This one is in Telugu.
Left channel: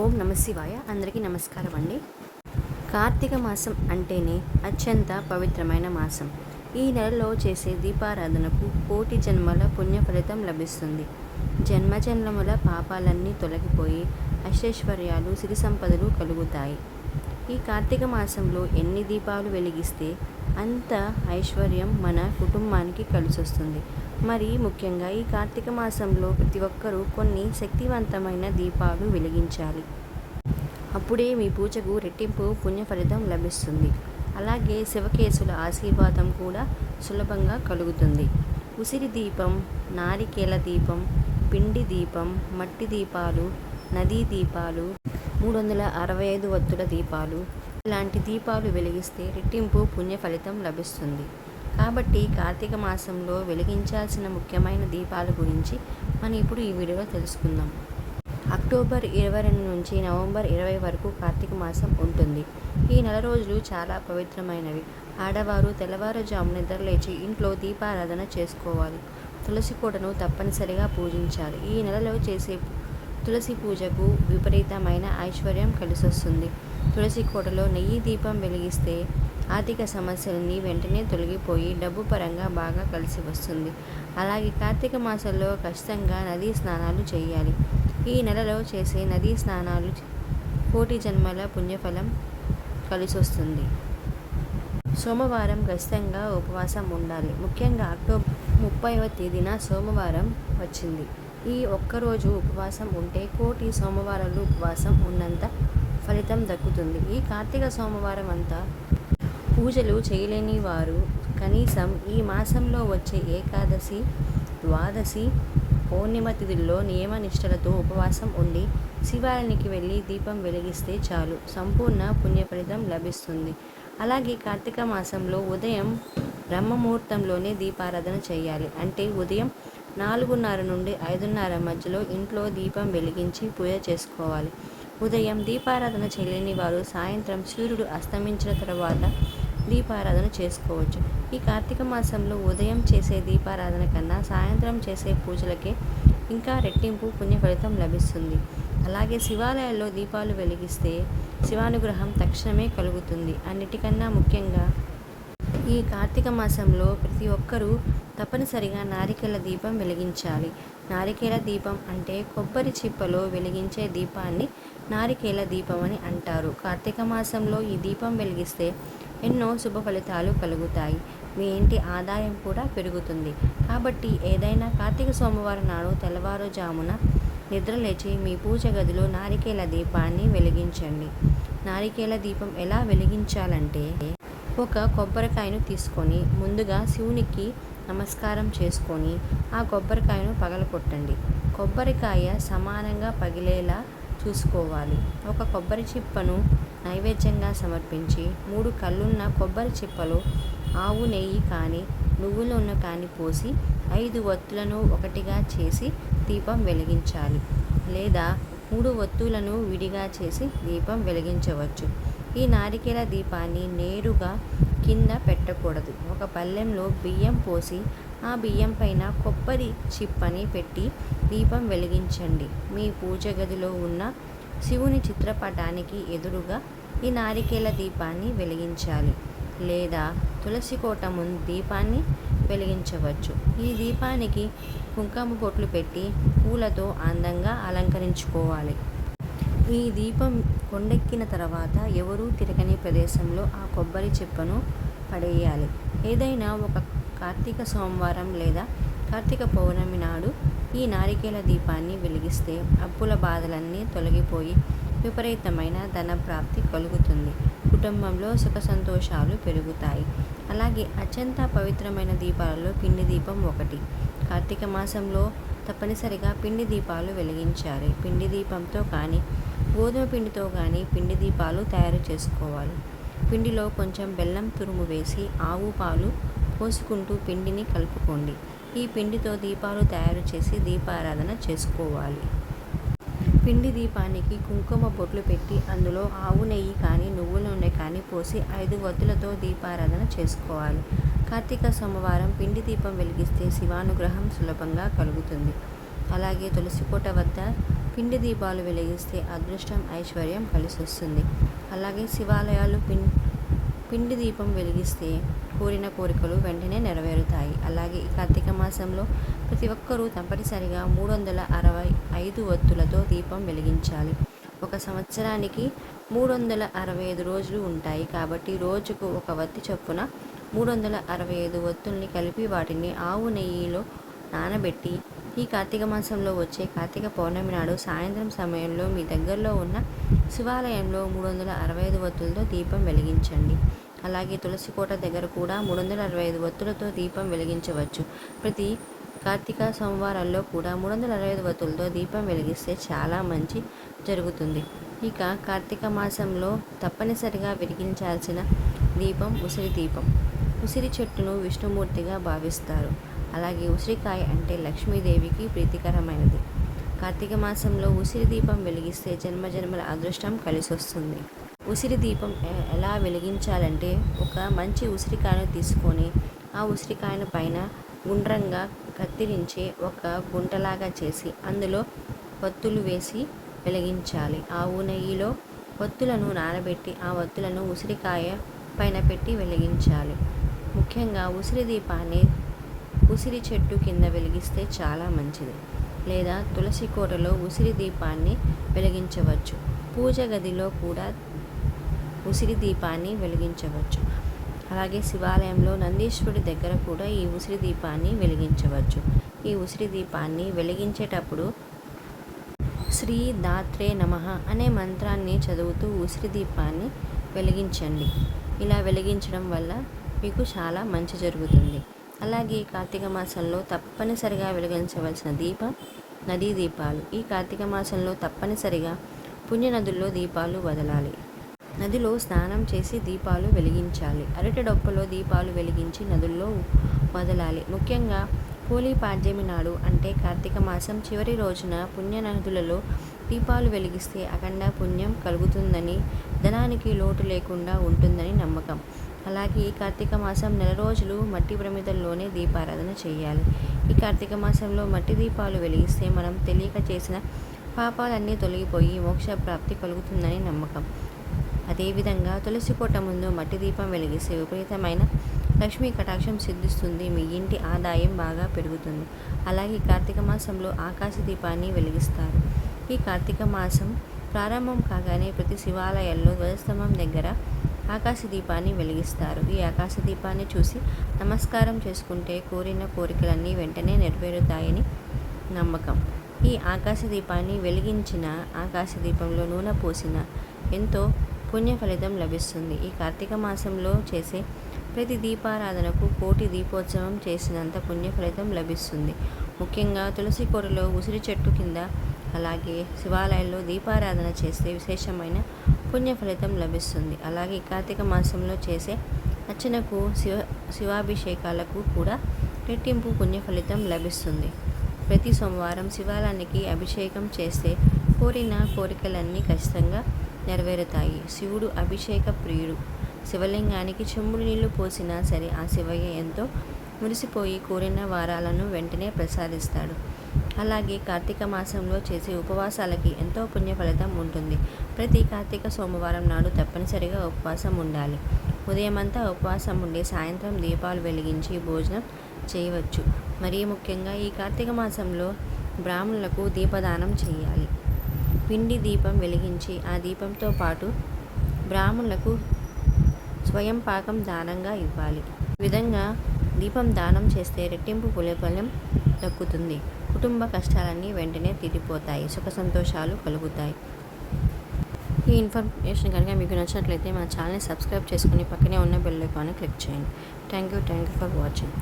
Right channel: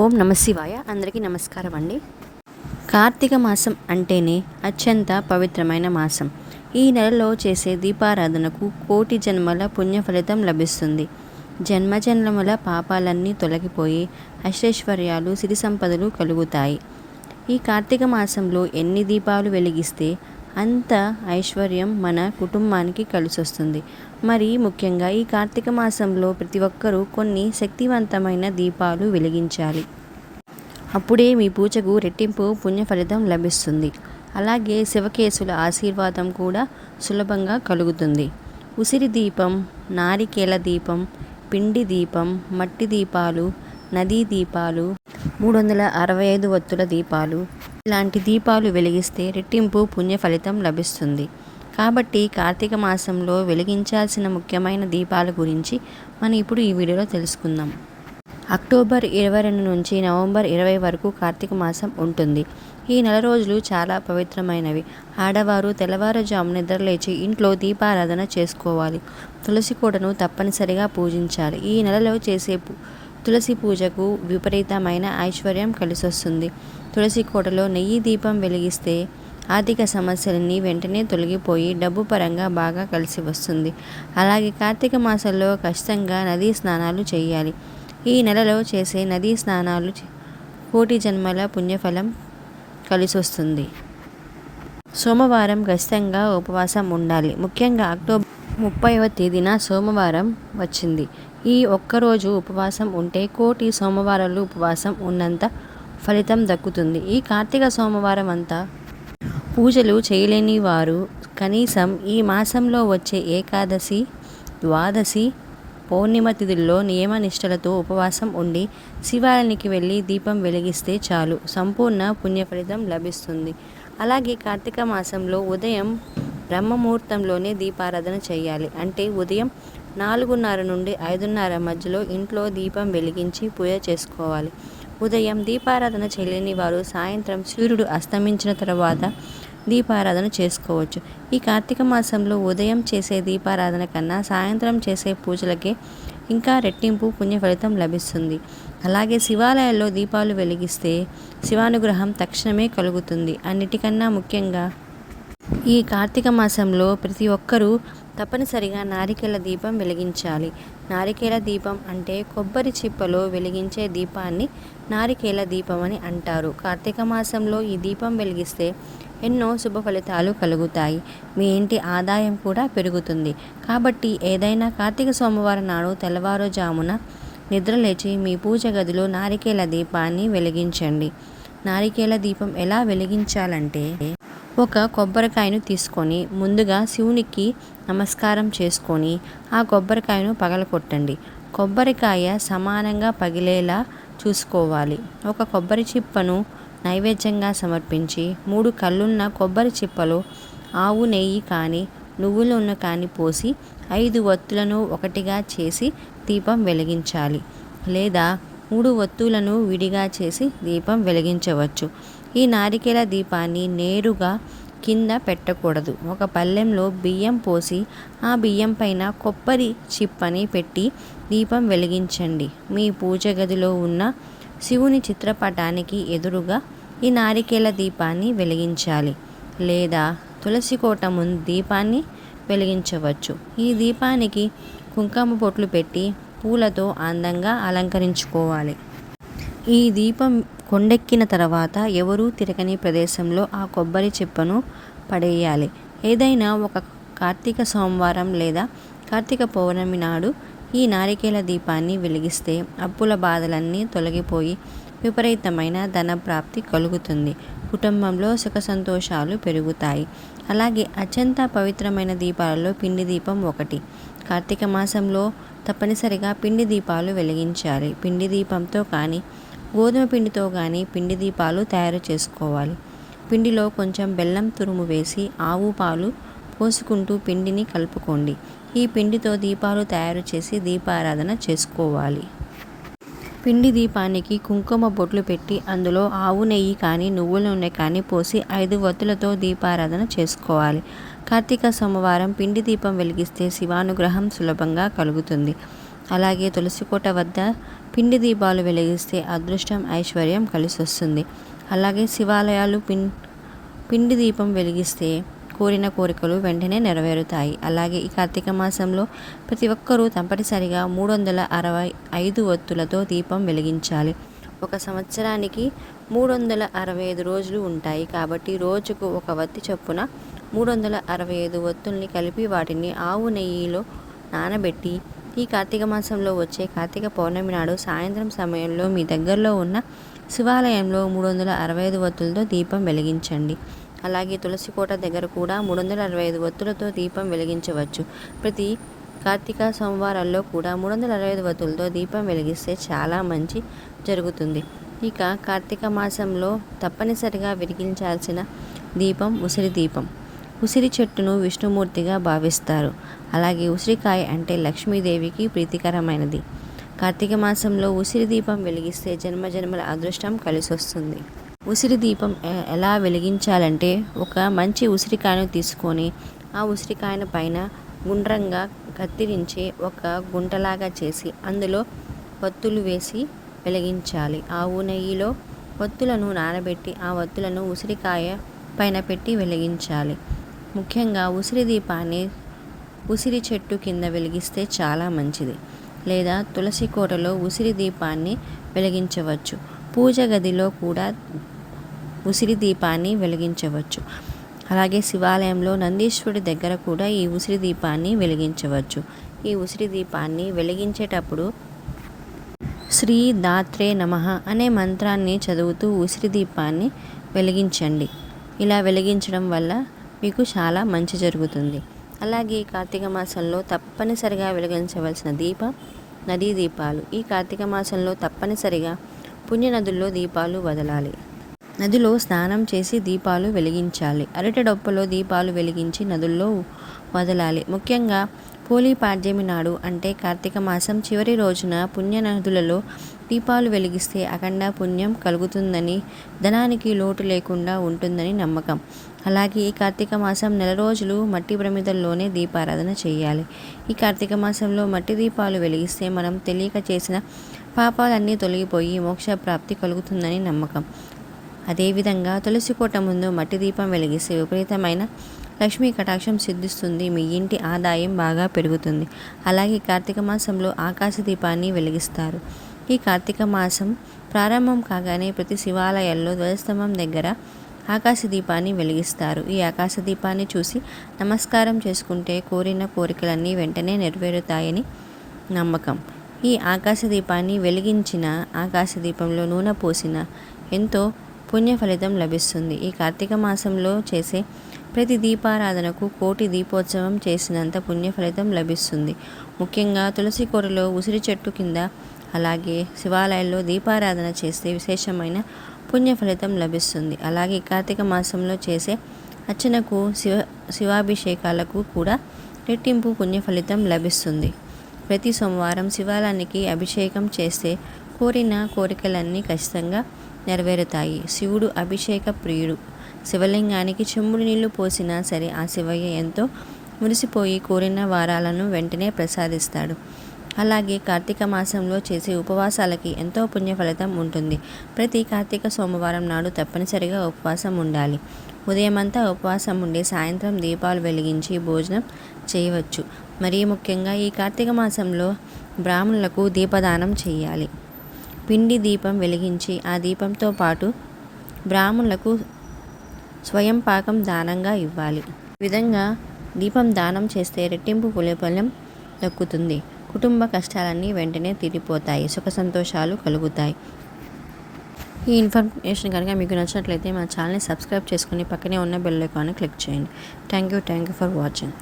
ఓం నమ శివాయ. అందరికీ నమస్కారం అండి. కార్తీక మాసం అంటేనే అత్యంత పవిత్రమైన మాసం. ఈ నెలలో చేసే దీపారాధనకు కోటి జన్మల పుణ్యఫలితం లభిస్తుంది. జన్మజన్మల పాపాలన్నీ తొలగిపోయి అష్టైశ్వర్యాలు సిరి సంపదలు కలుగుతాయి. ఈ కార్తీక మాసంలో ఎన్ని దీపాలు వెలిగిస్తే అంత ఐశ్వర్యం మన కుటుంబానికి కలిసొస్తుంది. మరి ముఖ్యంగా ఈ కార్తీక మాసంలో ప్రతి ఒక్కరూ కొన్ని శక్తివంతమైన దీపాలు వెలిగించాలి. అప్పుడే మీ పూజకు రెట్టింపు పుణ్య ఫలితం లభిస్తుంది. అలాగే శివకేశుల ఆశీర్వాదం కూడా సులభంగా కలుగుతుంది. ఉసిరి దీపం నారికేల దీపం పిండి దీపం మట్టి దీపాలు నదీ దీపాలు మూడు వందల అరవై ఐదు వత్తుల దీపాలు. ఇలాంటి దీపాలు వెలిగిస్తే రెట్టింపు పుణ్య ఫలితం లభిస్తుంది. కాబట్టి కార్తీక మాసంలో వెలిగించాల్సిన ముఖ్యమైన దీపాల గురించి మనం ఇప్పుడు ఈ వీడియోలో తెలుసుకుందాం. అక్టోబర్ ఇరవై రెండు నుంచి నవంబర్ ఇరవై వరకు కార్తీక మాసం ఉంటుంది. ఈ నెల రోజులు చాలా పవిత్రమైనవి. ఆడవారు తెల్లవారుజాము నిద్రలేచి ఇంట్లో దీపారాధన చేసుకోవాలి. తులసి కోటను తప్పనిసరిగా పూజించాలి. ఈ నెలలో చేసే తులసి పూజకు విపరీతమైన ఐశ్వర్యం కలిసొస్తుంది. తులసి కోటలో నెయ్యి దీపం వెలిగిస్తే ఆర్థిక సమస్యలన్నీ వెంటనే తొలగిపోయి డబ్బు పరంగా బాగా కలిసి వస్తుంది. అలాగే కార్తీక మాసంలో ఖచ్చితంగా నదీ స్నానాలు చేయాలి. ఈ నెలలో చేసే నదీ స్నానాలు కోటి జన్మల పుణ్యఫలం కలిసి వస్తుంది. సోమవారం ఖచ్చితంగా ఉపవాసం ఉండాలి. ముఖ్యంగా అక్టోబర్ ముప్పైవ తేదీన సోమవారం వచ్చింది. ఈ ఒక్కరోజు ఉపవాసం ఉంటే కోటి సోమవారాలు ఉపవాసం ఉన్నంత ఫలితం దక్కుతుంది. ఈ కార్తీక సోమవారం అంతా పూజలు చేయలేని వారు కనీసం ఈ మాసంలో వచ్చే ఏకాదశి ద్వాదశి పౌర్ణిమ తిథుల్లో నియమనిష్టలతో ఉపవాసం ఉండి శివాలయానికి వెళ్ళి దీపం వెలిగిస్తే చాలు. సంపూర్ణ పుణ్య ఫలితం లభిస్తుంది. అలాగే కార్తీక మాసంలో ఉదయం బ్రహ్మముహూర్తంలోనే దీపారాధన చేయాలి. అంటే ఉదయం నాలుగున్నర నుండి ఐదున్నర మధ్యలో ఇంట్లో దీపం వెలిగించి పూజ చేసుకోవాలి. ఉదయం దీపారాధన చేయలేని వారు సాయంత్రం సూర్యుడు అస్తమించిన తర్వాత దీపారాధన చేసుకోవచ్చు. ఈ కార్తీక మాసంలో ఉదయం చేసే దీపారాధన కన్నా సాయంత్రం చేసే పూజలకే ఇంకా రెట్టింపు పుణ్య ఫలితం లభిస్తుంది. అలాగే శివాలయాల్లో దీపాలు వెలిగిస్తే శివానుగ్రహం తక్షణమే కలుగుతుంది. అన్నిటికన్నా ముఖ్యంగా ఈ కార్తీక మాసంలో ప్రతి ఒక్కరూ తప్పనిసరిగా నారికేల దీపం వెలిగించాలి. నారికేల దీపం అంటే కొబ్బరి చిప్పలో వెలిగించే దీపాన్ని నారికేల దీపం అని అంటారు. కార్తీక మాసంలో ఈ దీపం వెలిగిస్తే ఎన్నో శుభ ఫలితాలు కలుగుతాయి. మీ ఇంటి ఆదాయం కూడా పెరుగుతుంది. కాబట్టి ఏదైనా కార్తీక సోమవారం నాడు తెల్లవారుజామున నిద్రలేచి మీ పూజ గదిలో నారికేల దీపాన్ని వెలిగించండి. నారికేల దీపం ఎలా వెలిగించాలంటే ఒక కొబ్బరికాయను తీసుకొని ముందుగా శివునికి నమస్కారం చేసుకొని ఆ కొబ్బరికాయను పగలకొట్టండి కొబ్బరికాయ సమానంగా పగిలేలా చూసుకోవాలి. ఒక కొబ్బరి చిప్పను నైవేద్యంగా సమర్పించి మూడు కళ్ళున్న కొబ్బరి చిప్పలో ఆవు నెయ్యి కానీ నువ్వుల నూనె కానీ పోసి ఐదు ఒత్తులను ఒకటిగా చేసి దీపం వెలిగించాలి. లేదా మూడు ఒత్తులను విడిగా చేసి దీపం వెలిగించవచ్చు. ఈ నారికేల దీపాన్ని నేరుగా కింద పెట్టకూడదు. ఒక పళ్ళెంలో బియ్యం పోసి ఆ బియ్యం పైన కొబ్బరి చిప్పని పెట్టి దీపం వెలిగించండి. మీ పూజ గదిలో ఉన్న శివుని చిత్రపటానికి ఎదురుగా ఈ నారికేల దీపాన్ని వెలిగించాలి లేదా తులసి కోట ముందు దీపాన్ని వెలిగించవచ్చు. ఈ దీపానికి కుంకుమ బొట్లు పెట్టి పూలతో అందంగా అలంకరించుకోవాలి. ఈ దీపం కొండెక్కిన తర్వాత ఎవరూ తిరగని ప్రదేశంలో ఆ కొబ్బరి చెప్పును పడేయాలి. ఏదైనా ఒక కార్తీక సోమవారం లేదా కార్తీక పౌర్ణమి నాడు ఈ నారికేల దీపాన్ని వెలిగిస్తే అప్పుల బాధలన్నీ తొలగిపోయి విపరీతమైన ధన ప్రాప్తి కలుగుతుంది. కుటుంబంలో సుఖ సంతోషాలు పెరుగుతాయి. అలాగే అత్యంత పవిత్రమైన దీపాలలో పిండి దీపం ఒకటి. కార్తీక మాసంలో తప్పనిసరిగా పిండి దీపాలు వెలిగించాలి. పిండి దీపంతో కానీ గోధుమ పిండితో కానీ పిండి దీపాలు తయారు చేసుకోవాలి. పిండిలో కొంచెం బెల్లం తురుము వేసి ఆవు పాలు పోసుకుంటూ పిండిని కలుపుకోండి. ఈ పిండితో దీపాలు తయారు చేసి దీపారాధన చేసుకోవాలి. పిండి దీపానికి కుంకుమ బొట్లు పెట్టి అందులో ఆవు నెయ్యి కానీ నువ్వుల నూనె కానీ పోసి ఐదు వత్తులతో దీపారాధన చేసుకోవాలి. కార్తీక సోమవారం పిండి దీపం వెలిగిస్తే శివానుగ్రహం సులభంగా కలుగుతుంది. అలాగే తులసికోట వద్ద పిండి దీపాలు వెలిగిస్తే అదృష్టం ఐశ్వర్యం కలిసి వస్తుంది అలాగే శివాలయాలు పిన్ పిండి దీపం వెలిగిస్తే కోరిన కోరికలు వెంటనే నెరవేరుతాయి. అలాగే ఈ కార్తీక మాసంలో ప్రతి ఒక్కరూ తప్పనిసరిగా మూడు వందల అరవై ఐదు ఒత్తులతో దీపం వెలిగించాలి. ఒక సంవత్సరానికి మూడు వందల అరవై ఐదు రోజులు ఉంటాయి. కాబట్టి రోజుకు ఒక వత్తి చొప్పున మూడు వందల అరవై ఐదు ఒత్తుల్ని కలిపి వాటిని ఆవు నెయ్యిలో నానబెట్టి ఈ కార్తీక మాసంలో వచ్చే కార్తీక పౌర్ణమి నాడు సాయంత్రం సమయంలో మీ దగ్గరలో ఉన్న శివాలయంలో మూడు వందల అరవై ఐదు ఒత్తులతో దీపం వెలిగించండి. అలాగే తులసి కోట దగ్గర కూడా మూడు వందల అరవై ఐదు ఒత్తులతో దీపం వెలిగించవచ్చు. ప్రతి కార్తీక సోమవారాల్లో కూడా మూడు వందల అరవై ఐదు వత్తులతో దీపం వెలిగిస్తే చాలా మంచి జరుగుతుంది. ఇక కార్తీక మాసంలో తప్పనిసరిగా వెలిగించాల్సిన దీపం ఉసిరి దీపం. ఉసిరి చెట్టును విష్ణుమూర్తిగా భావిస్తారు. అలాగే ఉసిరికాయ అంటే లక్ష్మీదేవికి ప్రీతికరమైనది. కార్తీక మాసంలో ఉసిరి దీపం వెలిగిస్తే జన్మజన్మల అదృష్టం కలిసొస్తుంది. ఉసిరి దీపం ఎలా వెలిగించాలంటే ఒక మంచి ఉసిరికాయను తీసుకొని ఆ ఉసిరికాయను పైన గుండ్రంగా కత్తిరించి ఒక గుంటలాగా చేసి అందులో ఒత్తులు వేసి వెలిగించాలి. ఆవు నెయ్యిలో ఒత్తులను నానబెట్టి ఆ ఒత్తులను ఉసిరికాయ పైన పెట్టి వెలిగించాలి. ముఖ్యంగా ఉసిరి దీపాన్ని ఉసిరి చెట్టు కింద వెలిగిస్తే చాలా మంచిది. లేదా తులసి కోటలో ఉసిరి దీపాన్ని వెలిగించవచ్చు. పూజ గదిలో కూడా ఉసిరి దీపాన్ని వెలిగించవచ్చు. అలాగే శివాలయంలో నందీశ్వరుడి దగ్గర కూడా ఈ ఉసిరి దీపాన్ని వెలిగించవచ్చు. ఈ ఉసిరి దీపాన్ని వెలిగించేటప్పుడు శ్రీ దాత్రే నమః అనే మంత్రాన్ని చదువుతూ ఉసిరి దీపాన్ని వెలిగించండి. ఇలా వెలిగించడం వల్ల మీకు చాలా మంచి జరుగుతుంది. అలాగే ఈ కార్తీక మాసంలో తప్పనిసరిగా వెలిగించవలసిన దీపం నదీ దీపాలు. ఈ కార్తీక మాసంలో తప్పనిసరిగా పుణ్య నదుల్లో దీపాలు వదలాలి. నదిలో స్నానం చేసి దీపాలు వెలిగించాలి. అరటి డొప్పలో దీపాలు వెలిగించి నదుల్లో వదలాలి. ముఖ్యంగా పోలీ పాడ్యమి నాడు అంటే కార్తీక మాసం చివరి రోజున పుణ్య నదులలో దీపాలు వెలిగిస్తే అఖండ పుణ్యం కలుగుతుందని ధనానికి లోటు లేకుండా ఉంటుందని నమ్మకం. అలాగే ఈ కార్తీక మాసం నెల రోజులు మట్టి ప్రమిదల్లోనే దీపారాధన చేయాలి. ఈ కార్తీక మాసంలో మట్టి దీపాలు వెలిగిస్తే మనం తెలియక చేసిన పాపాలన్నీ తొలగిపోయి మోక్ష ప్రాప్తి కలుగుతుందని నమ్మకం. అదేవిధంగా తులసి కోట ముందు మట్టి దీపం వెలిగిస్తే విపరీతమైన లక్ష్మీ కటాక్షం సిద్ధిస్తుంది. మీ ఇంటి ఆదాయం బాగా పెరుగుతుంది. అలాగే కార్తీక మాసంలో ఆకాశ దీపాన్ని వెలిగిస్తారు. ఈ కార్తీక మాసం ప్రారంభం కాగానే ప్రతి శివాలయాల్లో ధ్వజస్తంభం దగ్గర ఆకాశ దీపాన్ని వెలిగిస్తారు. ఈ ఆకాశ దీపాన్ని చూసి నమస్కారం చేసుకుంటే కోరిన కోరికలన్నీ వెంటనే నెరవేరుతాయని నమ్మకం. ఈ ఆకాశ దీపాన్ని వెలిగించిన ఆకాశ దీపంలో నూనె పోసిన ఎంతో పుణ్య ఫలితం లభిస్తుంది. ఈ కార్తీక మాసంలో చేసే ప్రతి దీపారాధనకు కోటి దీపోత్సవం చేసినంత పుణ్య ఫలితం లభిస్తుంది. ముఖ్యంగా తులసి కోటలో ఉసిరి చెట్టు కింద అలాగే శివాలయాల్లో దీపారాధన చేస్తే విశేషమైన పుణ్య ఫలితం లభిస్తుంది. అలాగే ఈ కార్తీక మాసంలో చేసే అర్చనకు శివ శివాభిషేకాలకు కూడా రెట్టింపు పుణ్య ఫలితం లభిస్తుంది. ప్రతి సోమవారం శివాలయానికి అభిషేకం చేస్తే కోరిన కోరికలన్నీ ఖచ్చితంగా నెరవేరుతాయి. శివుడు అభిషేక ప్రియుడు. శివలింగానికి చెంబుడు నీళ్ళు పోసినా సరే ఆ శివయ్య ఎంతో మురిసిపోయి కోరిన వారాలను వెంటనే ప్రసాదిస్తాడు. అలాగే కార్తీక మాసంలో చేసే ఉపవాసాలకి ఎంతో పుణ్య ఫలితం ఉంటుంది. ప్రతి కార్తీక సోమవారం నాడు తప్పనిసరిగా ఉపవాసం ఉండాలి. ఉదయమంతా ఉపవాసం ఉండి సాయంత్రం దీపాలు వెలిగించి భోజనం చేయవచ్చు. మరీ ముఖ్యంగా ఈ కార్తీక మాసంలో బ్రాహ్మణులకు దీపదానం చేయాలి. పిండి దీపం వెలిగించి ఆ దీపంతో పాటు బ్రాహ్మణులకు స్వయం పాకం దానంగా ఇవ్వాలి. విధంగా దీపం దానం చేస్తే రెట్టింపు పులిఫలం దక్కుతుంది. కుటుంబ కష్టాలన్నీ వెంటనే తీరిపోతాయి. సుఖ సంతోషాలు కలుగుతాయి. ఈ ఇన్ఫర్మేషన్ కనుక మీకు నచ్చినట్లయితే మా ఛానల్ని సబ్స్క్రైబ్ చేసుకుని పక్కనే ఉన్న బెల్ ఐకాన్ని క్లిక్ చేయండి. Thank you thank you for watching.